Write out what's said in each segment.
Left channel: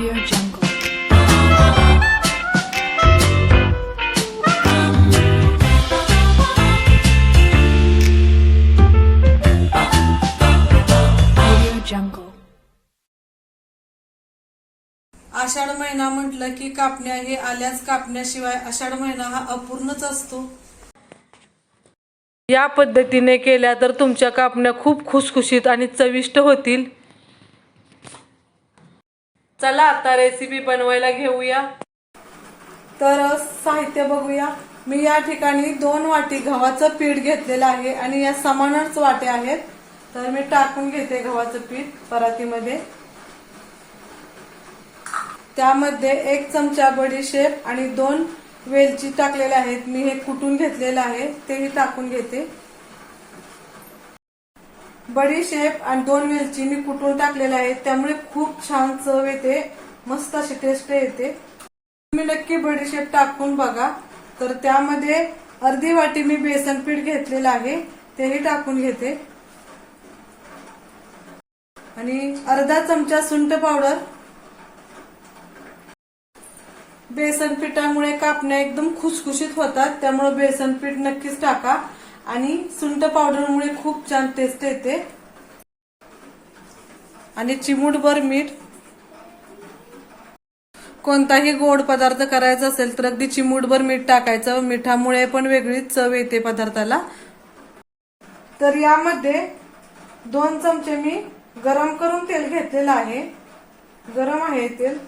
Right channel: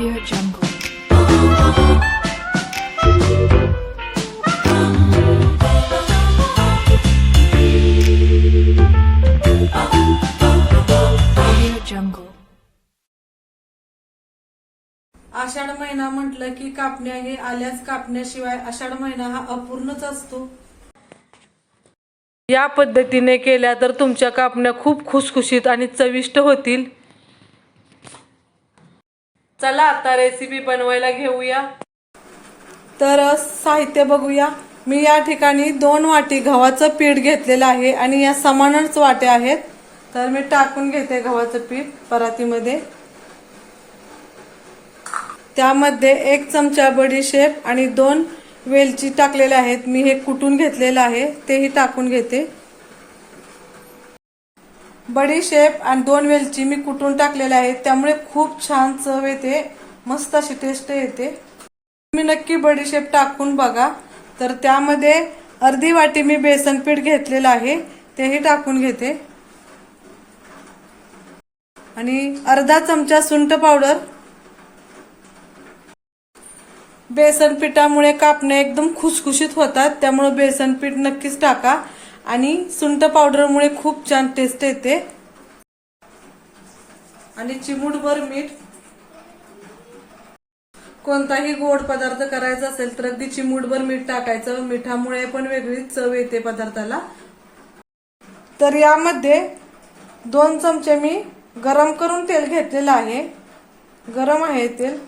Audio Jungle. Audio Jungle. आषाढ महिना म्हटलं की कापण्या हे आल्याच, कापण्याशिवाय आषाढ महिना हा अपूर्णच असतो। या पद्धतीने केल्या तर तुमच्या कापण्या खूप खुसखुशीत आणि चविष्ट होतील। चला आता रेसिपी बनवायला घेऊया। तर साहित्य बघूया। मी या ठिकाणी 2 वाटी गव्हाचं पीठ घेतलेलं आहे आणि या समानच वाट्या आहेत। तर मी टाकून घेते गव्हाचं पीठ परातीमध्ये। त्यामध्ये 1 चमचा बडीशेप आणि 2 वेलची टाकलेल्या आहेत। मी हे कुटून घेतलेलं आहे, तेही टाकून घेते। बडीशेप आणि 2 वेलची मी कुटून टाकलेल्या आहेत, त्यामुळे खूप छान चव येते, मस्त अशी टेस्ट येते। तुम्ही नक्की बडीशेप टाकून बघा। तर त्यामध्ये अर्धी वाटी मी बेसन पीठ घेतलेलं आहे, तेही टाकून घेते आणि अर्धा चमचा सुंठ पावडर। बेसन पिठामुळे कापण्या एकदम खुसखुशीत होतात, त्यामुळे बेसन पीठ नक्कीच टाका आणि सुंठ पावडरमुळे खूप छान टेस्ट येते। आणि चिमूटभर मीठ। कोणताही गोड पदार्थ करायचा असेल तर अगदी चिमूटभर मीठ टाकायचं, मिठामुळे पण वेगळीच चव येते पदार्थाला। तर यामध्ये 2 चमचे मी गरम करून तेल घेतलेलं आहे, गरम आहे तेल।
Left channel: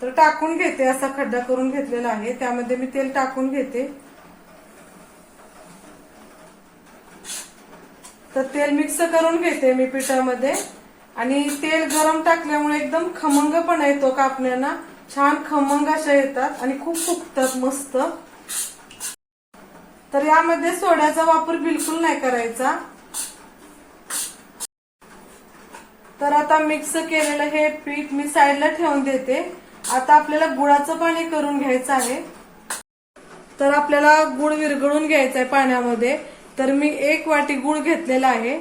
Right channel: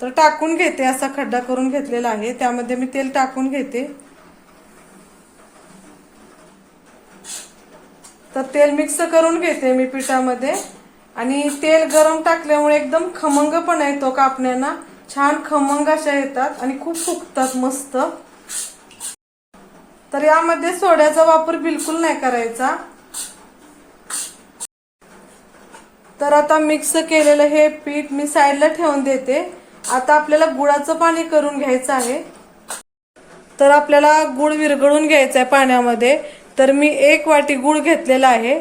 तर टाकून घेते, असा खड्डा करून घेतलेला आहे, त्यामध्ये मी तेल टाकून घेते। तर तेल मिक्स करून घेते मी पिठामध्ये आणि तेल गरम टाकल्यामुळे एकदम खमंगपणा येतो, कापण्यांना छान खमंग अशा येतात आणि खूप फुगतात मस्त। तर यामध्ये सोड्याचा वापर बिलकुल नाही करायचा। तर आता मिक्स केलेलं हे पीठ मी साईडला ठेवून देते। आता आपल्याला गुळाचं पाणी करून घ्यायचं आहे। तर आपल्याला गुळ विरघळून घ्यायचा आहे पाण्यामध्ये। तर मी 1 वाटी गुळ घेतलेला आहे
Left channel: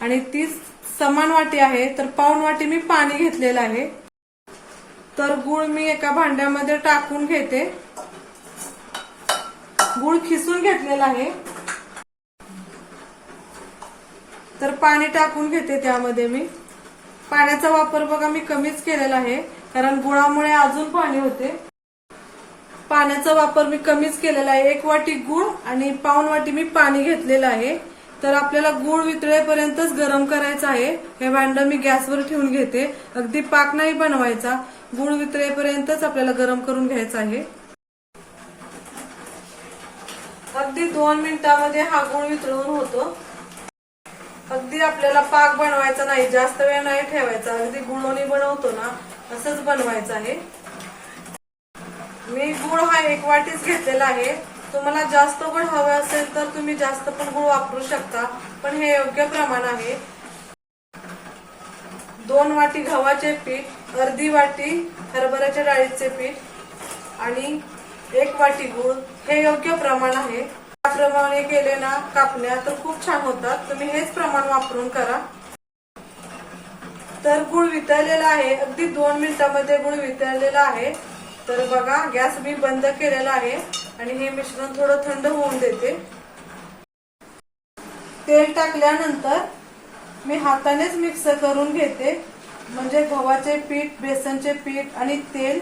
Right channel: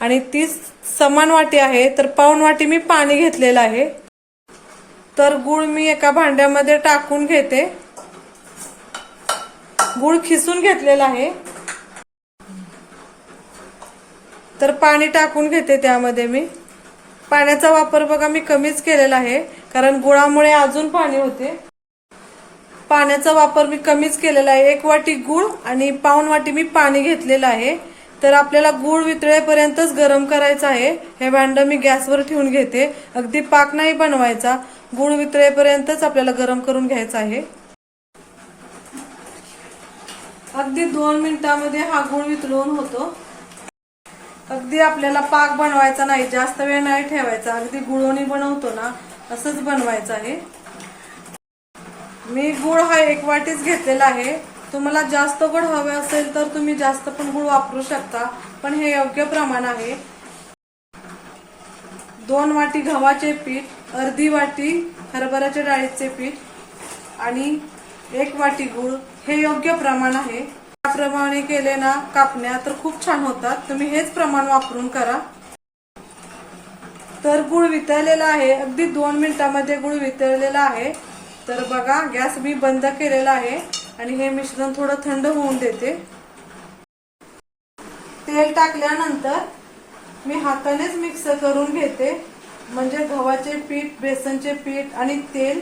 आणि ती समान वाटी आहे, तर पाऊण वाटी मी पाणी घेतलेलं आहे। तर गुळ मी एका भांड्यामध्ये टाकून घेते। गुळ खिसून घेतलेला आहे। तर पाणी टाकून घेते त्यामध्ये मी। पाण्याचा वापर बघा मी कमीच केलेला आहे, कारण गुळामुळे अजून पाणी होते। पाण्याचा वापर मी कमीच केलेला आहे। 1 वाटी गुळ आणि पाऊण वाटी मी पाणी घेतलेलं आहे। तर आपल्याला गुळ वितळेपर्यंतच गरम करायचं आहे। हे भांड मी गॅसवर ठेवून घेते, अगदी पाक नाही बनवायचा, गुळ वितळेपर्यंतच आपल्याला गरम करून घ्यायचा आहे। अगदी 2 मिनिटांमध्ये हा गुळ वितळून होतो। अगदी आपल्याला पाक बनवायचा नाही, जास्त वेळ नाही ठेवायचा, अगदी गुळोनी बनवतो ना असंच बनवायचं आहे। मी गुळ हा 1 वाटीच घेतलेला आहे। तुम्हाला जास्त गोड हवा असेल तर तुम्ही जास्त पण गुळ वापरू शकता, पण हे योग्य प्रमाण आहे। 2 वाटी गव्हाचे पीठ, अर्धी वाटी हरभऱ्याच्या डाळीचे पीठ आणि 1 वाटी गुळ, हे योग्य प्रमाण आहे। त्याप्रमाणे केले ना कापण्या तर खूप छान होतात, तुम्ही हेच प्रमाण वापरून करा। तर गुळ वितळलेला आहे, अगदी 2 मिनिटांमध्ये गुळ वितळलेला आहे। तर बघा गॅस मी बंद केलेला आहे आणि हे मिश्रण थोडं थंड होऊन देते। तेल टाकल्यानंतर मी हातानेच मिक्स करून घेते, म्हणजे गव्हाचे पीठ, बेसनचे पीठ आणि तेल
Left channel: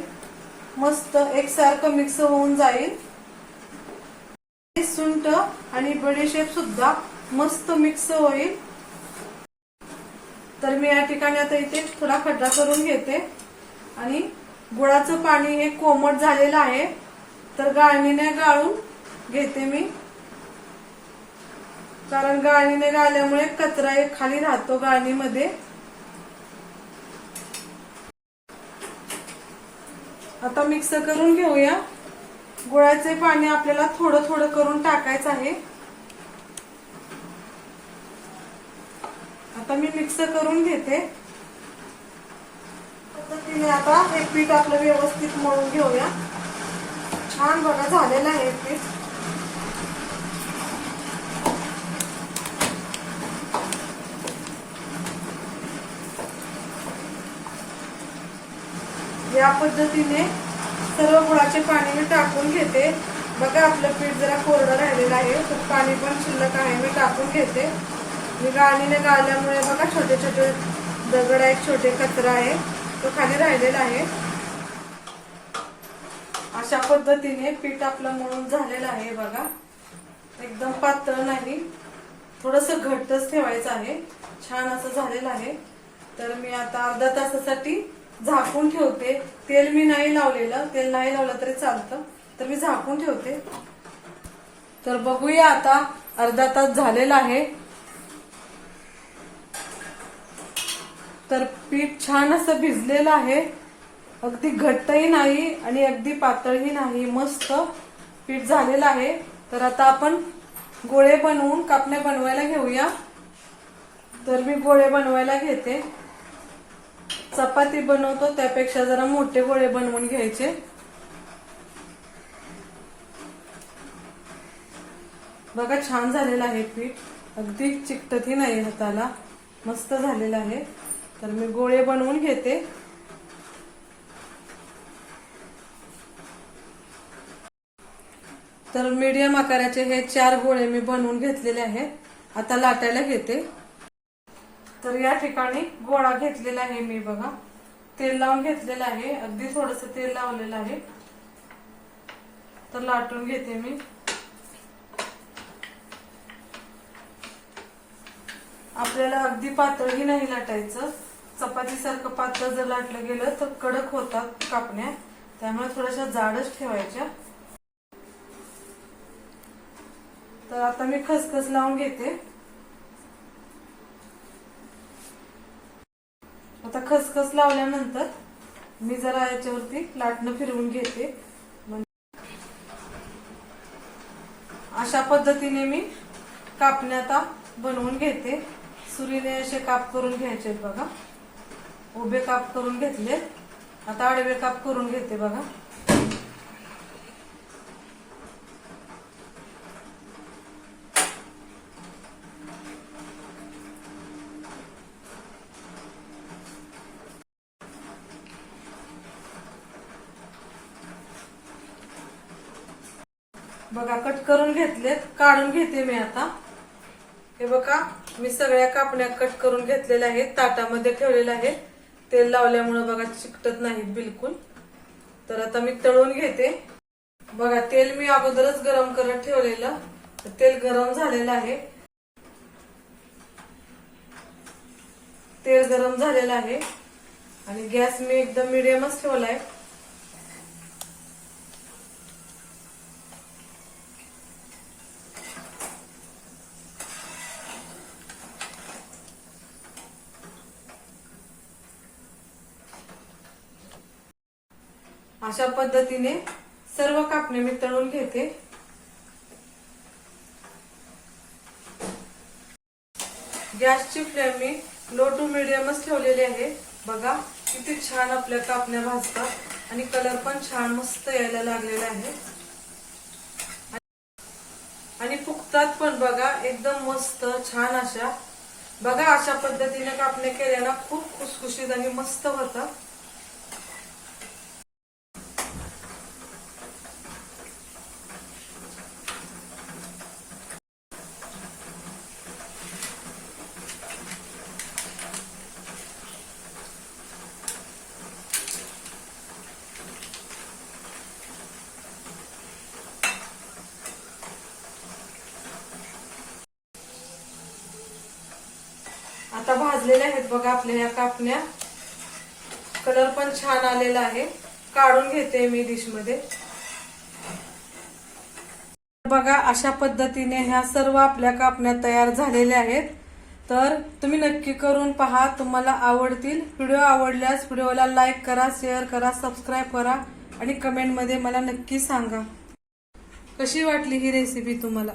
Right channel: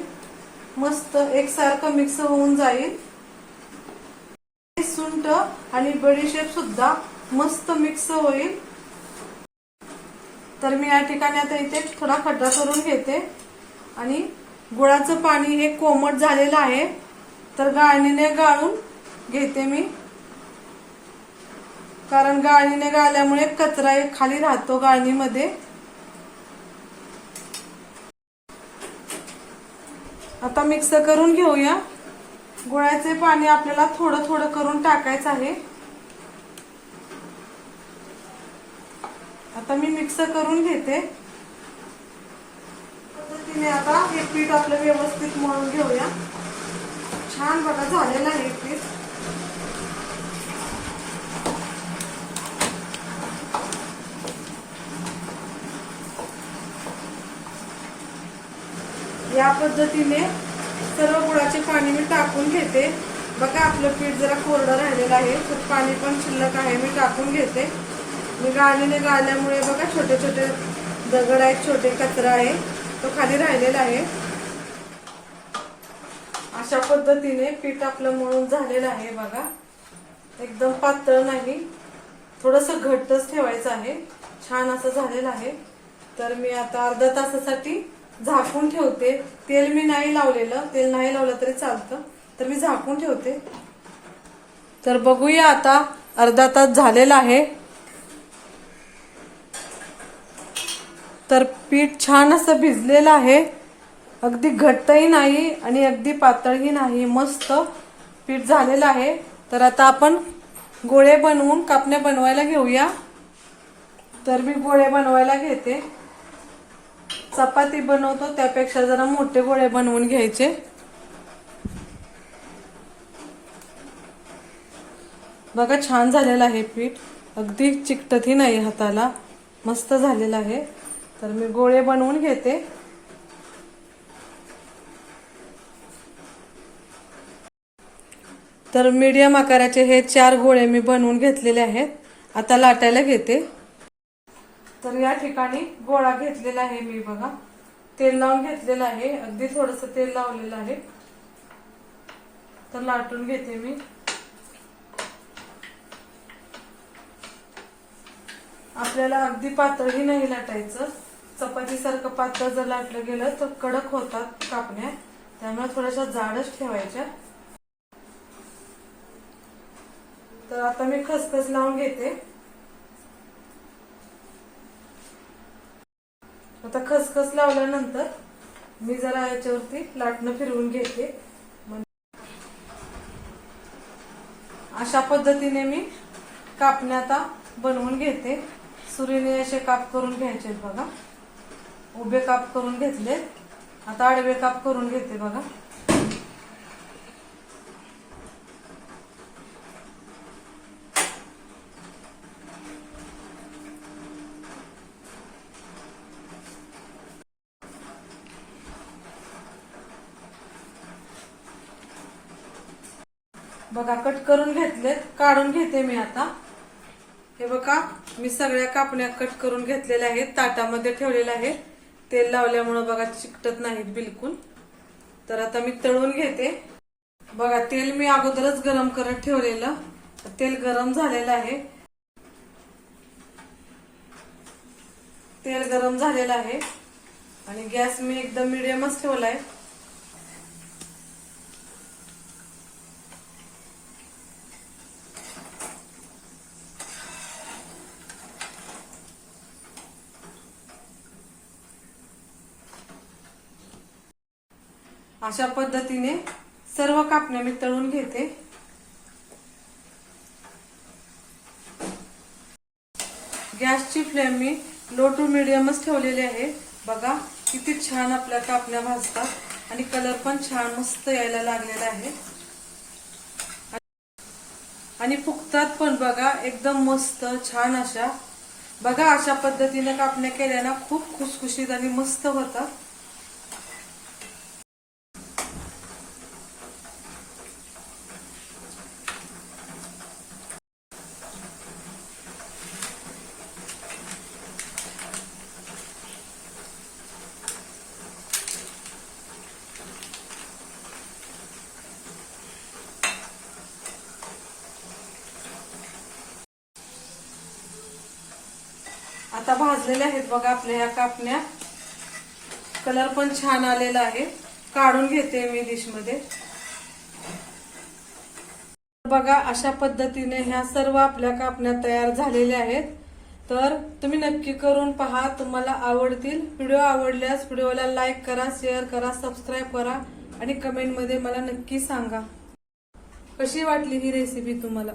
मस्त एकसारखं मिक्स होऊन जाईल। सुंठ आणि बडीशेप सुद्धा मस्त मिक्स होईल। तर मी या ठिकाणी आता इथे थोडा खड्डा करून घेते आणि गुळाचं पाणी हे कोमट झालेलं आहे, तर गाळणीने गाळून घेते मी, कारण गाळणीने गाळल्यामुळे कचरा एक खाली राहतो गाळणीमध्ये। आता मिक्स करून घेऊया। गुळाचे पाणी आपल्याला थोडं थोडं करून टाकायचं आहे। आता मी मिक्स करून घेते। पद्धतीने आता हे पीठ आपलं व्यवस्थित मळून घेऊया। छान बघा झालेलं आहे पीठ। या पद्धतीने सर्व गुळाचे पाणी मी टाकून घेते। बघा आपलं पीठ जरा कोरडं राहिलेलं आहे, तर पाणी पण शिल्लक आहे, मी टाकून घेते। मी गाळणीने गाळल्यामुळे बघा छोटे छोटे दगड आहेत, छोटे कचरा आहे, तो खाली राहिलेला आहे। अशा पद्धतीने पीठ आपलं मळून झालेलं आहे बघा, एकदम पातळ नाही, थोडस घट्टच ठेवायचं आहे। छान असं झालेलं आहे। तर मी आता अर्ध्या तासासाठी झाकून ठेवते। तेल मी नाही लावलेलं, तेल नाही लावलं तरी चालतं, तर मी झाकून ठेवते। तर बघूया आता अर्धा तास झालेला आहे। तर पीठ छान असं भिजलेलं आहे, अगदी घट्टही नाही आणि अगदी पातळही नाही, मस्त पीठ झालेलं आहे। तर आता आपण गोळे बनवून कापण्या बनवायला घेऊया। तर मी गोळे बनवायला घेते। चपाती बनवतो त्यापेक्षा जरा मोठे गोळे बनवून घ्यायचे। बघा छान झालेलं आहे पीठ, अगदी चिकटतही नाही हाताला, मस्त झालेलं आहे। तर मी गोळे बनवून घेते। तर मीडियम आकाराचे हे 4 गोळे मी बनवून घेतलेले आहेत। आता लाटायला घेते। तर या ठिकाणी गोळा घेतलेला आहे मी, बघा तेल लावून घेतलेलं आहे, अगदी थोडस तेल लावलेलं आहे। तर लाटून घेते मी। आपल्याला अगदी पातळही नाही लाटायचं, चपाती सारखं पातळ जर लाटलं गेलं तर कडक होतात कापण्या, त्यामुळे थोड्याशा जाडच ठेवायच्या। तर आता मी खसखस लावून घेते। आता खसखस लावल्यानंतर मी जरा याच्यावरती लाटणं फिरवून घेते। अशा पद्धतीने मी कापण्या आता बनवून घेते। सुरीने असे काप करून घ्यायचे बघा, उभे काप करून घेतले, आता आडवे काप करून घेते बघा। बघा कट करून घेतलेत, काढून घेते मी आता। हे बघा मी सगळ्या कापण्या कट करून घेतलेल्या आहेत, ताटामध्ये ठेवलेल्या आहेत। तेल लावल्यामुळे बघा चिकटत नाहीत बिलकुल। तर आता मी तळून घेते। बघा तेल मी अगोदरच गरम करत ठेवलेलं, तेल गरम झालेलं आहे। तेल गरम झालेलं आहे आणि गॅस मी एकदम मिडियमच ठेवलाय। अशा पद्धतीने सर्व कापण्या मी तळून घेते। गॅसची फ्लेम मी लो टू मिडियमच ठेवलेली आहे। बघा किती छान आपल्या कापण्या भाजतात आणि कलर पण छान मस्त यायला लागलेला आहे आणि फुगतात पण बघा एकदम मस्त छान अशा। बघा अशा पद्धतीने कापण्या केल्याने खूप खुसखुशीत आणि मस्त होतात। आता भाजलेल्या आहेत बघा आपल्या ह्या कापण्या, कलर पण छान आलेला आहे। काढून घेते मी डिश मध्ये। बघा अशा पद्धतीने ह्या सर्व आपल्या कापण्या तयार झालेल्या आहेत। तर तुम्ही नक्की करून पहा, तुम्हाला आवडतील। व्हिडिओ आवडल्यास व्हिडिओला लाईक करा, शेअर करा, सबस्क्राईब करा आणि कमेंट मध्ये मला नक्की सांगा कशी वाटली ही रेसिपी तुम्हाला।